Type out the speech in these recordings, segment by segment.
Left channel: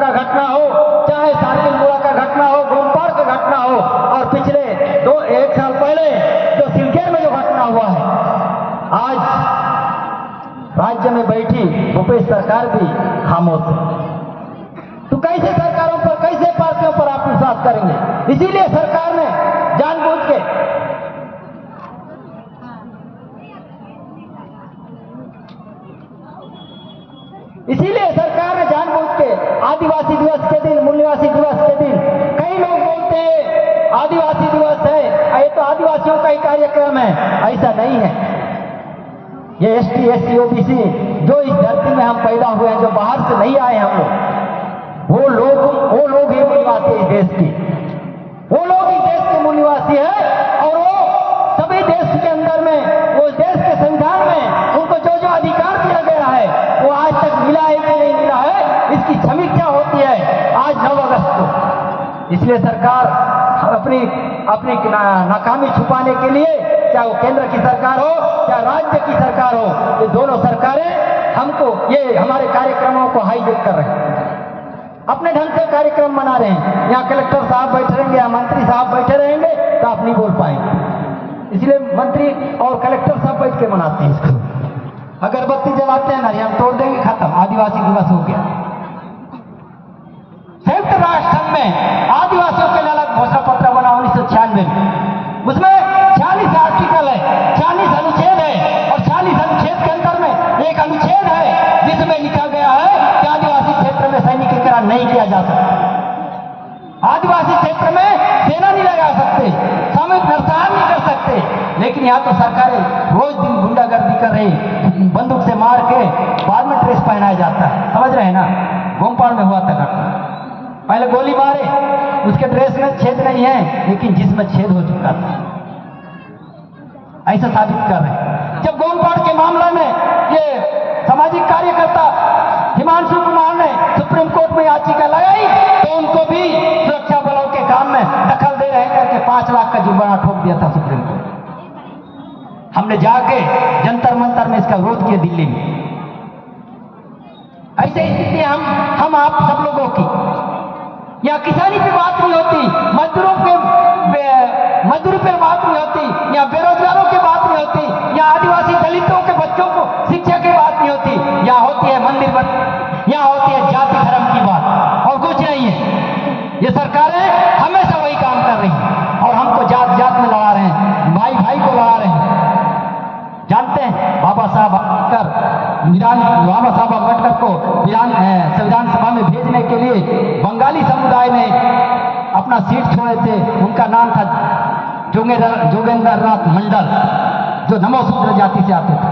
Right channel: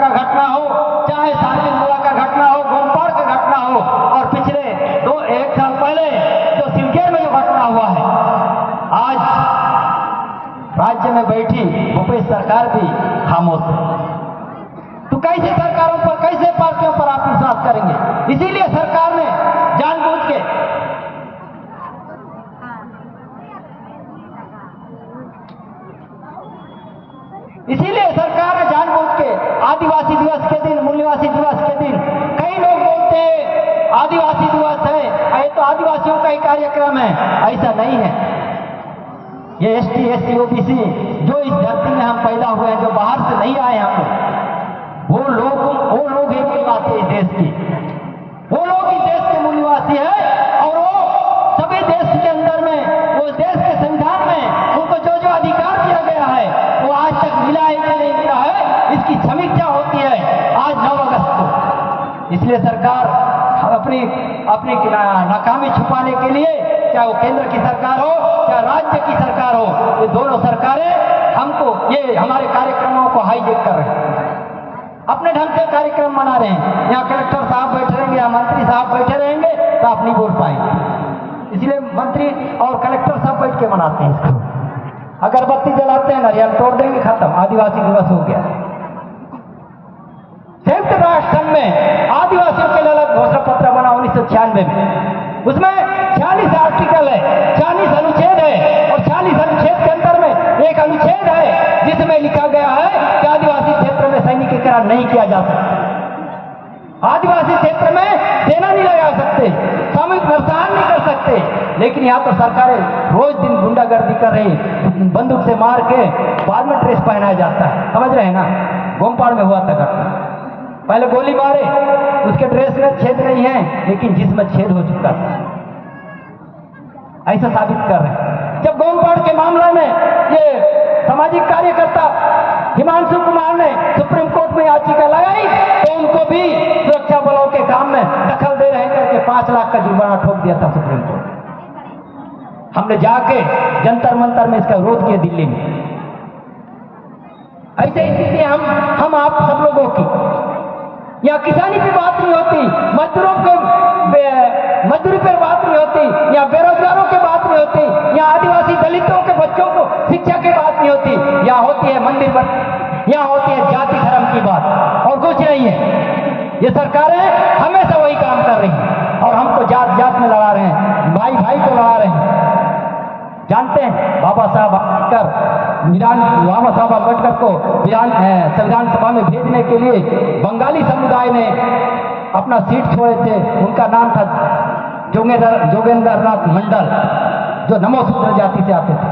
का घटना हो, चाहे सारंगपुरा का घटना हो, गोमपाड़ का घटना हो, और पिछले एक साल पहले जो सिलचर में जो घटना हुआ है, आज राज्य में बैठी भूपेश सरकार भी खामोश है। तो कैसे सरकारों पर, कैसे पार्टियों पर आप विश्वास करेंगे? इसीलिए सरकार ने जानबूझ के आदिवासी दिवस के दिन, मूल्यवासी दिवस के दिन, कई लोग बोलते हैं आदिवासी दिवस है, ये तो आदिवासियों का ही कार्यक्रम है। ऐसा नहीं है। ये एसटी, एससी, ओबीसी जो इस धरती में हम पैदा हुए हैं, जो बाहर से नहीं आए हम लोग, वो लोग ही मूल्यवासी इस देश की, वो लोग इस देश के मूल्यवासी है। और वो सभी देश के अंदर में, वो देश के संविधान में उनको जो जो अधिकार दिया गया है वो आज तक मिला है कि नहीं मिला है, इसकी समीक्षा होती है आज 9 अगस्त को। इसलिए सरकार अपनी नाकामी छुपाने के लिए, चाहे वो केंद्र की सरकार हो, चाहे राज्य की सरकार हो, ये दोनों सरकारें हमको, ये हमारे कार्यक्रमों को हाईजेक कर रहे हैं, अपने ढंग से कार्यक्रम मना रहे हैं। यहाँ कलेक्टर साहब बैठे रहेंगे या मंत्री साहब बैठे रहेंगे तो आप नहीं बोल पाएंगे। इसलिए मंत्री और कलेक्टर साहब बैठ के मनाते हैं इसको। अगरबत्ती जलाते हैं ना, हम तोड़ देंगे, खत्म, आदिवासी दिवस हो गया। संयुक्त राष्ट्र संघ में आदिवासियों के लिए अलग घोषणा पत्र बना 1996 में, उसमें 46 आर्टिकल है, 40 अनुच्छेद है, और 40 अनुच्छेद के अंदर में एक अनुच्छेद है जिसमें लिखा गया है कि आदिवासी क्षेत्र में सैनिकीकरण नहीं किया जा सकता, आदिवासी क्षेत्र में सेना नहीं लगा सकते, सामूहिक नरसंहार नहीं कर सकते। लेकिन यहाँ तो सरकारें रोज दिन गुंडागर्दी कर रही, बंदूक से मार के बाद में ड्रेस पहनाया जाता है, समझ रहे हैं ना? गोमपाड़ में हुआ था घटना, पहले गोली मारे, उसके ड्रेस में छेद नहीं है लेकिन जिसमें छेद हो चुका था, ऐसा साबित कर रहे हैं। जब गोमपाड़ के मामले में ये सामाजिक कार्यकर्ता हिमांशु कुमार ने सुप्रीम कोर्ट में याचिका लगाई तो उनको भी सुरक्षा बलों के काम में दखल दे रहे करके 5 लाख का जुर्माना ठोक दिया था सुप्रीम कोर्ट। हमने जाके जंतर मंतर में इसका विरोध किया दिल्ली में। ऐसे स्थिति हम आप सब लोगों की, यहाँ किसानी की बात नहीं होती, मजदूरी पे बात नहीं होती, यहाँ बेरोजगारों की बात नहीं होती, यहाँ आदिवासी दलितों के बच्चों को शिक्षा की बात नहीं होती, यहाँ होती है मंदिर, यहाँ होती है जाति धर्म की बात, और कुछ नहीं है। ये सरकारें हमेशा वही काम कर रही हैं और हमको जात जात में लड़ा रहे हैं, भाई भाई को लड़ा रहे हैं। जानते हैं बाबा साहब अम्बेडकर को संविधान सभा में भेजने के लिए बंगाली समुदाय ने अपना सीट छोड़े थे, उनका नाम था जोगेंद्र नाथ मंडल, जो नमोसूत्र जाति से आते थे।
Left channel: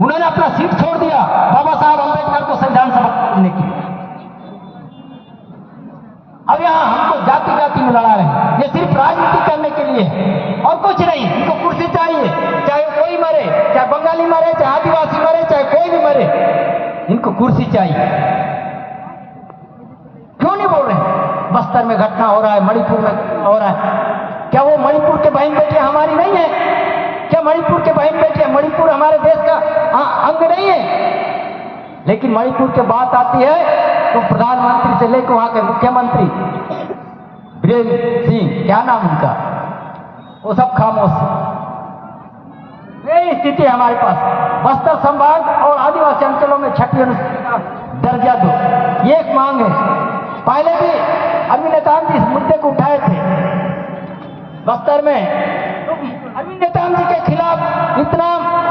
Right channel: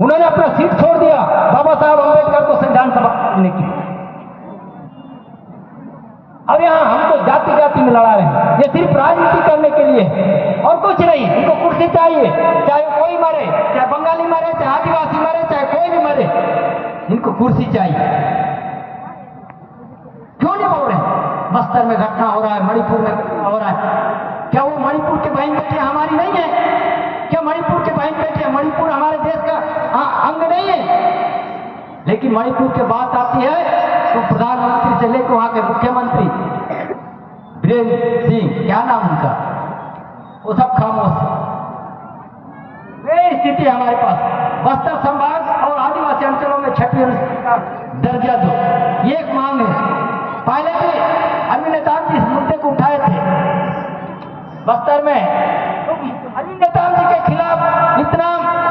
उन्होंने अपना सीट छोड़ दिया बाबा साहब अम्बेडकर को संविधान सभा भेजने के लिए, और यहाँ हमको जाति जाति में लड़ा रहे हैं। ये सिर्फ राजनीति करने के लिए है और कुछ नहीं। इनको कुर्सी चाहिए, चाहे कोई मरे, चाहे बंगाली मरे, चाहे आदिवासी मरे, चाहे कोई भी मरे, इनको कुर्सी चाहिए। क्यों नहीं बोल रहे? बस्तर में घटना हो रहा है, मणिपुर में हो रहा है, क्या वो मणिपुर के बहन बेटियां हमारी नहीं है? क्या मणिपुर के बहन बेटियां, मणिपुर हमारे देश का अंग नहीं है? लेकिन मणिपुर की बात आती है तो प्रधानमंत्री से लेकर वहां के मुख्यमंत्री बीरेंद्र सिंह, क्या नाम उनका, वो सब खामोश। ये स्थिति हमारे पास। बस्तर संभाग और आदिवासी अंचलों में 6वीं अनुसूची का दर्जा दो, ये एक मांग है। पहले भी अरविंद नेताम जी इस मुद्दे को उठाए थे बस्तर में, तो अरविंद नेताम जी के खिलाफ इतना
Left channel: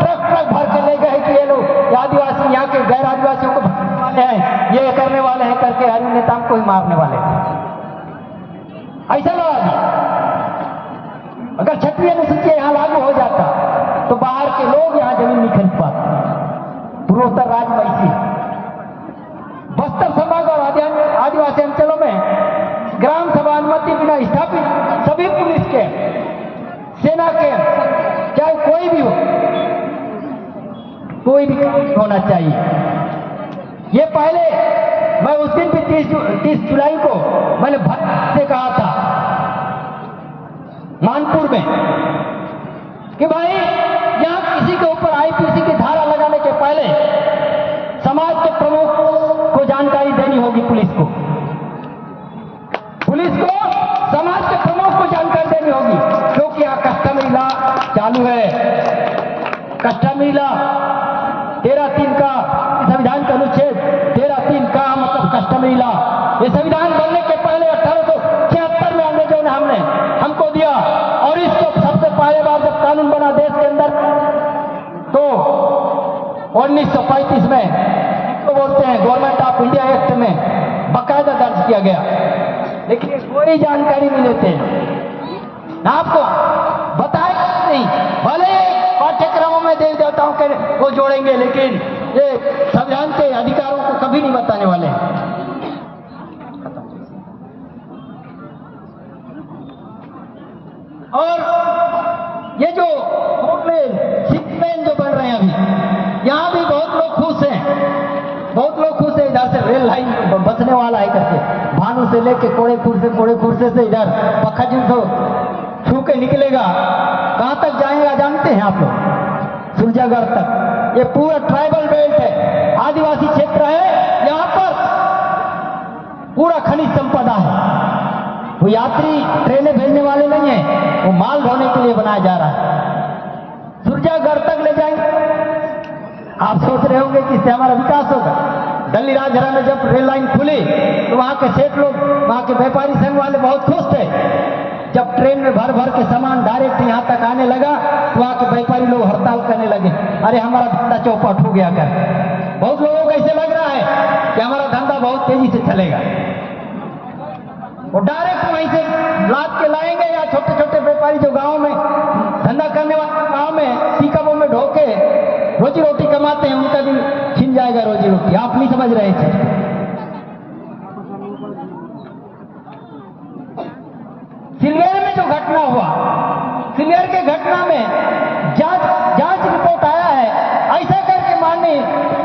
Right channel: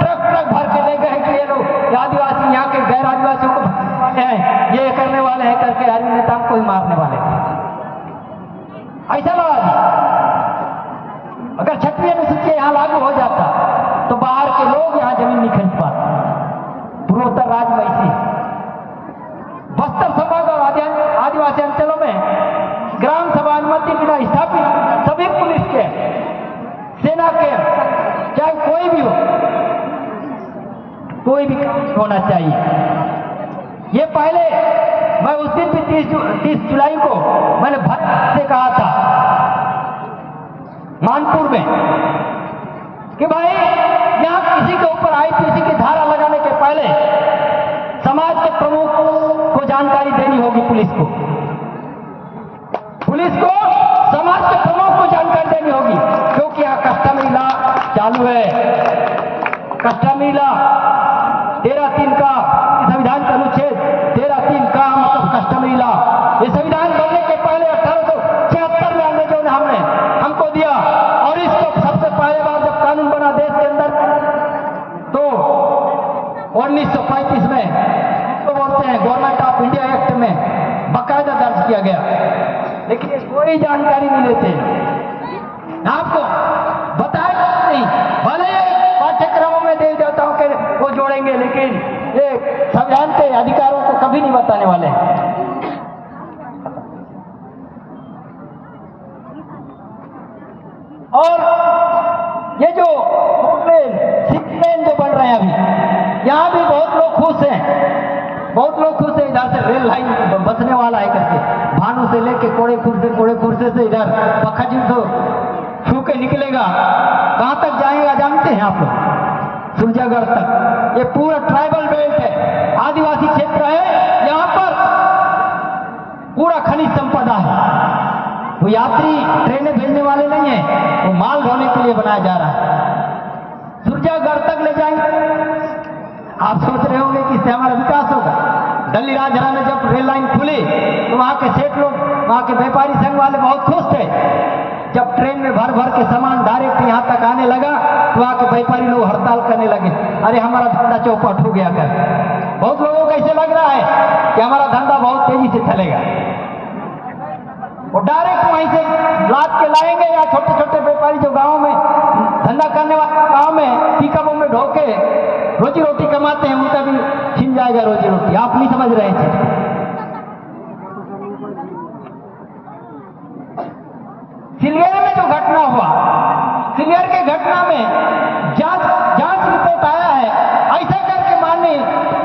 ट्रक भर के ले गए कि ये लोग आदिवासी, यहाँ के गैर आदिवासियों को भरने वाले हैं, ये करने वाले हैं करके अरविंद नेताम को ही मारने वाले हैं। ऐसा लगा जी, अगर 6वीं अनुसूची यहाँ लागू हो जाता तो बाहर के लोग यहाँ जमीन नहीं खरीद पाते। पूर्वोत्तर राज्य में इसी बस्तर संभाग और आदिवासी अंचलों में ग्राम सभा अनुमति बिना स्थापित सभी पुलिस के, सेना के, चाहे कोई भी हो, कोई भी होना चाहिए। ये पहले मैं उस दिन भी 30 जुलाई को मैंने भट्ट से कहा था मानपुर में कि भाई यहाँ किसी के ऊपर आईपीसी की धारा लगाने के पहले समाज के प्रमुख को जानकारी देनी पुलिस को। पुलिस को समाज के प्रमुख को जानकारी देनी होगी, क्योंकि यहाँ कस्टमरी लॉ चालू है। कस्टमरी लॉ 13(3) का संविधान का अनुच्छेद 13(3) का मतलब कस्टमरी लॉ, ये संविधान बनने के पहले 1876 में अंग्रेजों ने हमको दिया, और इसको सबसे पहले बार जब कानून बना देश के अंदर तो 1935 में तो बोलते हैं गवर्नमेंट ऑफ इंडिया एक्ट में बाकायदा दर्ज किया गया, लेकिन कोई जानकारी नहीं लेते। आपको बताया नहीं, भले पाठ्यक्रमों में देवी देवताओं के को जोड़ेंगे, लेकिन ये संविधान के अधिकारों को कभी नहीं बताने वाले। और ये जो सिक्स लेन जो बन रहे हैं अभी, यहाँ भी बहुत लोग खुश हैं, बहुत लोग खुश हैं। इधर से रेल लाइन बचने वाला है करके, भानु से लेके कोड़े खुर्से से इधर पखजू तो छू के निकलेगा, कहाँ तक जाएगा जानते हैं आप लोग? सुरजागढ़ तक। ये पूरा ट्राइबल बेल्ट है, आदिवासी क्षेत्र है, यहाँ पर पूरा खनिज संपदा है। वो यात्री ट्रेनें भेजने वाले नहीं है, वो माल ढोने के लिए बनाया जा रहा है। सुरजागढ़ तक ले जाएंगे। आप सोच रहे होंगे कि इससे हमारा विकास होगा। दिल्ली राजहरा में जब रेल लाइन खुली तो वहां के सेठ लोग, वहां के व्यापारी संघ वाले बहुत खुश थे। जब ट्रेन में भर भर के सामान डायरेक्ट यहाँ तक आने लगा तो वहां के व्यापारी लोग हड़ताल करने लगे, अरे हमारा धंधा चौपट हो गया कर। बहुत लोगों को ऐसे लग रहा है कि हमारा धंधा बहुत तेजी से चलेगा। वो डायरेक्ट वहीं से लाद के लाएंगे, या छोटे छोटे व्यापारी जो गाँव में धंधा करने वाले गाँव में पिकअपों में ढो के रोजी रोटी कमाते हैं, उनका भी छिन जाएगा रोजी रोटी। आप नहीं समझ रहे थे। सिलगेर में जो घटना हुआ, सिलगेर के घटना में जांच रिपोर्ट आया है, ऐसा करके माननीय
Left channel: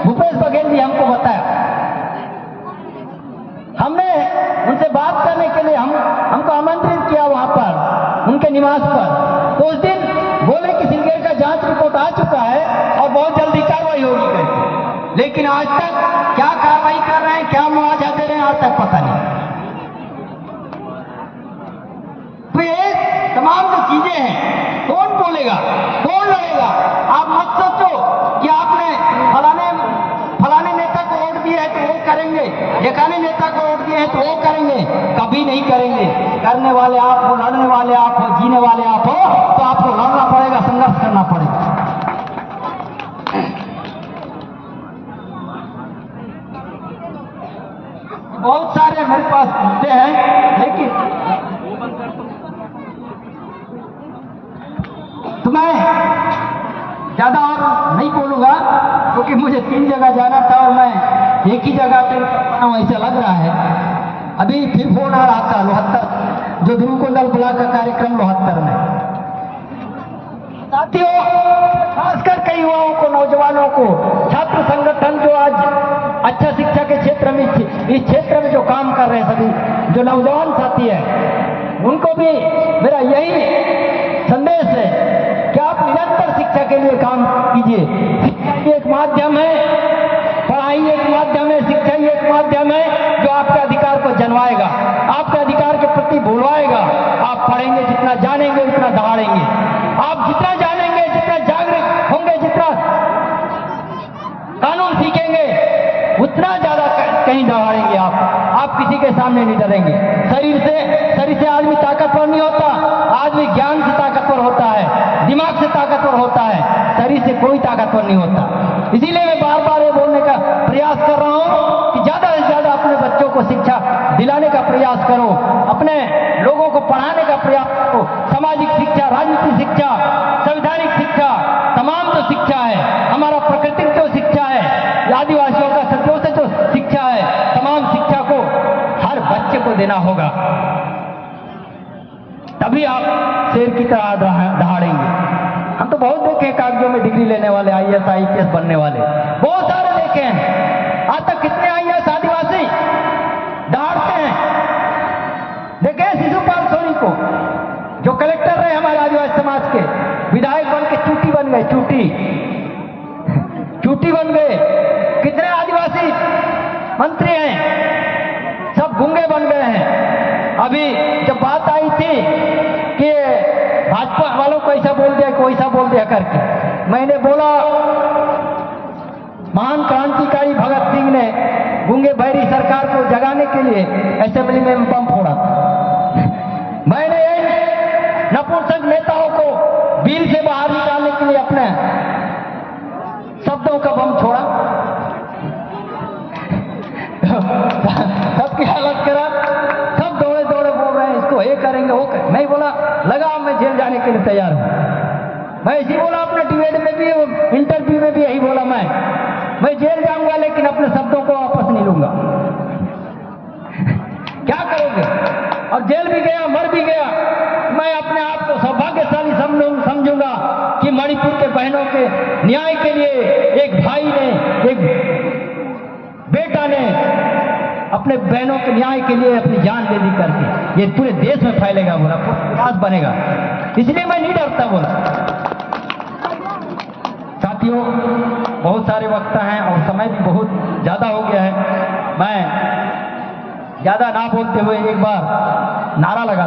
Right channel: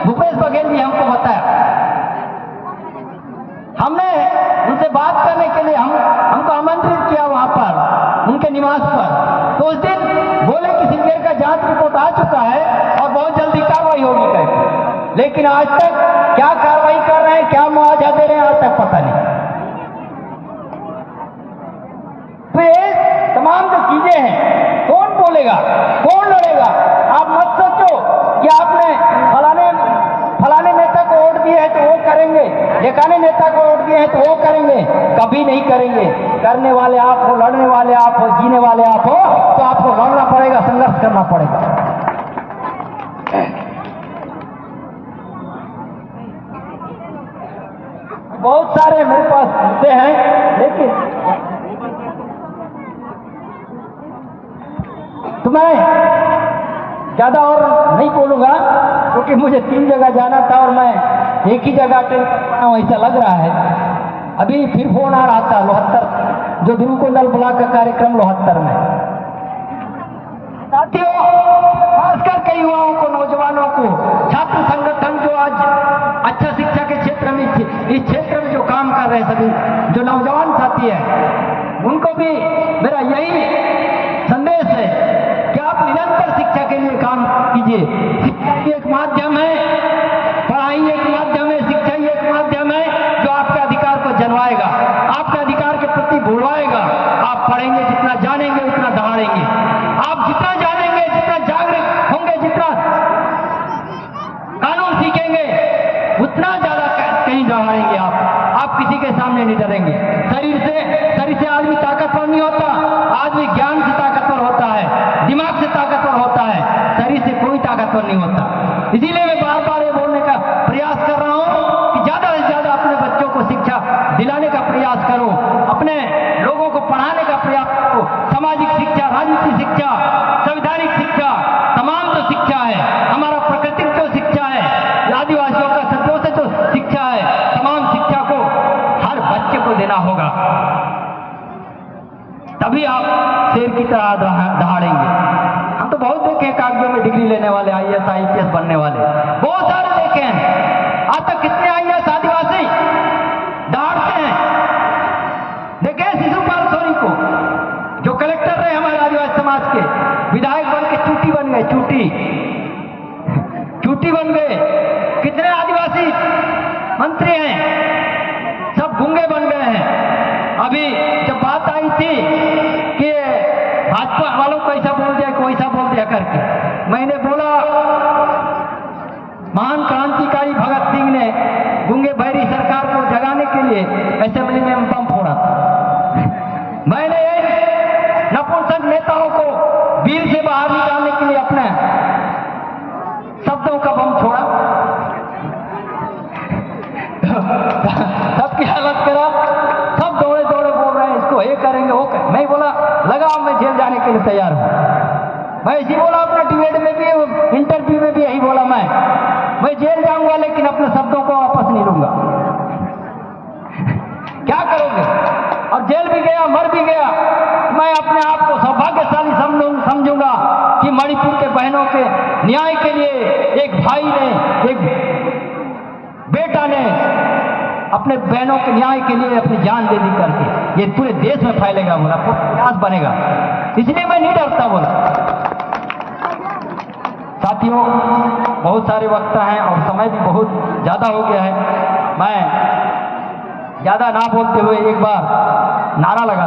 भूपेश बघेल भी हमको बताया। हमने उनसे बात करने के लिए हमको आमंत्रित किया वहां पर, उनके निवास पर। तो उस दिन बोले कि सिलगेर का जांच रिपोर्ट आ चुका है और बहुत जल्दी कार्रवाई होगी करके, लेकिन आज तक क्या कार्रवाई कर रहे हैं, क्या मुआवजा दे रहे हैं, आज तक पता नहीं। तो ये तमाम जो चीजें हैं, कौन बोलेगा, कौन लड़ेगा? आप मत सोचो कि आपने फलाने नेता को वोट दिए है तो वो करेंगे, ढेकाने नेता को वोट दिए है तो वो करेंगे, कभी नहीं करेंगे। करने वाले आप हो, लड़ने वाले आप हो, जीने वाले आप हो, तो आपको लड़ना पड़ेगा, संघर्ष करना पड़ेगा। बहुत सारे मेरे पास मुद्दे हैं, लेकिन तो मैं ज्यादा और नहीं बोलूंगा, क्योंकि मुझे 3 जगह जाना था और मैं एक ही जगह अटेंड कर पाया हूं ऐसा लग रहा है। अभी फिर फोन आ रहा था लोहत्तर, जो धुमकुंडल ब्लॉक का कार्यक्रम लोहत्तर में। साथियों, खासकर कई युवाओं को, नौजवानों को, छात्र संगठन जो आज अच्छा शिक्षा के क्षेत्र में, इस क्षेत्र में जो काम कर रहे हैं, सभी जो नौजवान साथी हैं, उनको भी मेरा यही संदेश है कि आप निरंतर शिक्षा के लिए काम कीजिए। शिक्षा ही एक माध्यम है, पढ़ाई एक माध्यम है, शिक्षा ही एक माध्यम है जो आपके अधिकार को जन्माएगा, आपके अधिकार के प्रति भुलवाएगा। आप पढ़ेंगे जितना, जानेंगे उतना दहाड़ेंगे। आप जितना जानेंगे, जितना जागरूक होंगे, जितना कानून सीखेंगे, उतना ज्यादा कहीं दहाड़ेंगे। आप किसी के सामने नहीं डरेंगे। शरीर से आदमी ताकतवर नहीं होता, आदमी ज्ञान से ताकतवर होता है, दिमाग से ताकतवर होता है, शरीर से कोई ताकतवर नहीं होता। इसीलिए मैं बार बार ये बोलने का प्रयास कर रहा हूं कि ज्यादा से ज्यादा अपने बच्चों को शिक्षा दिलाने का प्रयास करो, अपने लोगों को पढ़ाने का प्रयास करो। सामाजिक शिक्षा, राजनीतिक शिक्षा, संवैधानिक शिक्षा, तमाम जो शिक्षा है, हमारा प्राकृतिक जो शिक्षा है, आदिवासियों का सदियों से जो शिक्षा है, तमाम शिक्षा को हर बच्चे को देना होगा, तभी आप शेर की तरह दहाड़ेंगे। हम तो बहुत देखे कागजों में डिग्री लेने वाले, IAS IPS बनने वाले बहुत सारे देखे हैं। आज तक कितने IAS आदिवासी दहाड़ते हैं। देखे शिशुपाल सोनी को, जो कलेक्टर रहे हमारे आदिवासी समाज के, विधायक बन के चूटी बन गए, चूटी बन गए। कितने आदिवासी मंत्री हैं गूंगे बन गए हैं। अभी जब बात आई थी कि भाजपा वालों को ऐसा बोल दिया, कोई ऐसा बोल दिया करके, मैंने बोला महान क्रांतिकारी भगत सिंह ने गूंगे बहरी सरकार को जगाने के लिए असेंबली में बम फोड़ा। मैंने नपुंसक नेताओं को बिल से बाहर निकालने के लिए अपने शब्दों का बम छोड़ा। सबकी हालत करा, सब दौड़े दौड़े बोल रहे हैं इसको ये करेंगे वो करेंगे। मैं बोला लगाओ, मैं जेल जाने के लिए तैयार हूं। मैं इसी बोला अपने डिबेट में भी, इंटरव्यू में भी यही बोला, मैं जेल जाऊंगा लेकिन अपने शब्दों को वापस नहीं लूंगा। क्या करोगे? और जेल भी गया, मर भी गया। मैं अपने आप को सौभाग्यशाली समझूंगा कि मणिपुर के बहनों के न्याय के लिए एक भाई ने, एक बेटा ने अपने बहनों के न्याय के लिए अपनी जान दे दी करके, ये पूरे देश में फैलेगा, बोला प्रयास बनेगा। इसलिए मैं नहीं डरता, बोला। साथियों, बहुत सारे वक्ता हैं और समय भी बहुत ज्यादा हो गया है। मैं ज्यादा ना बोलते हुए एक बार नारा लगा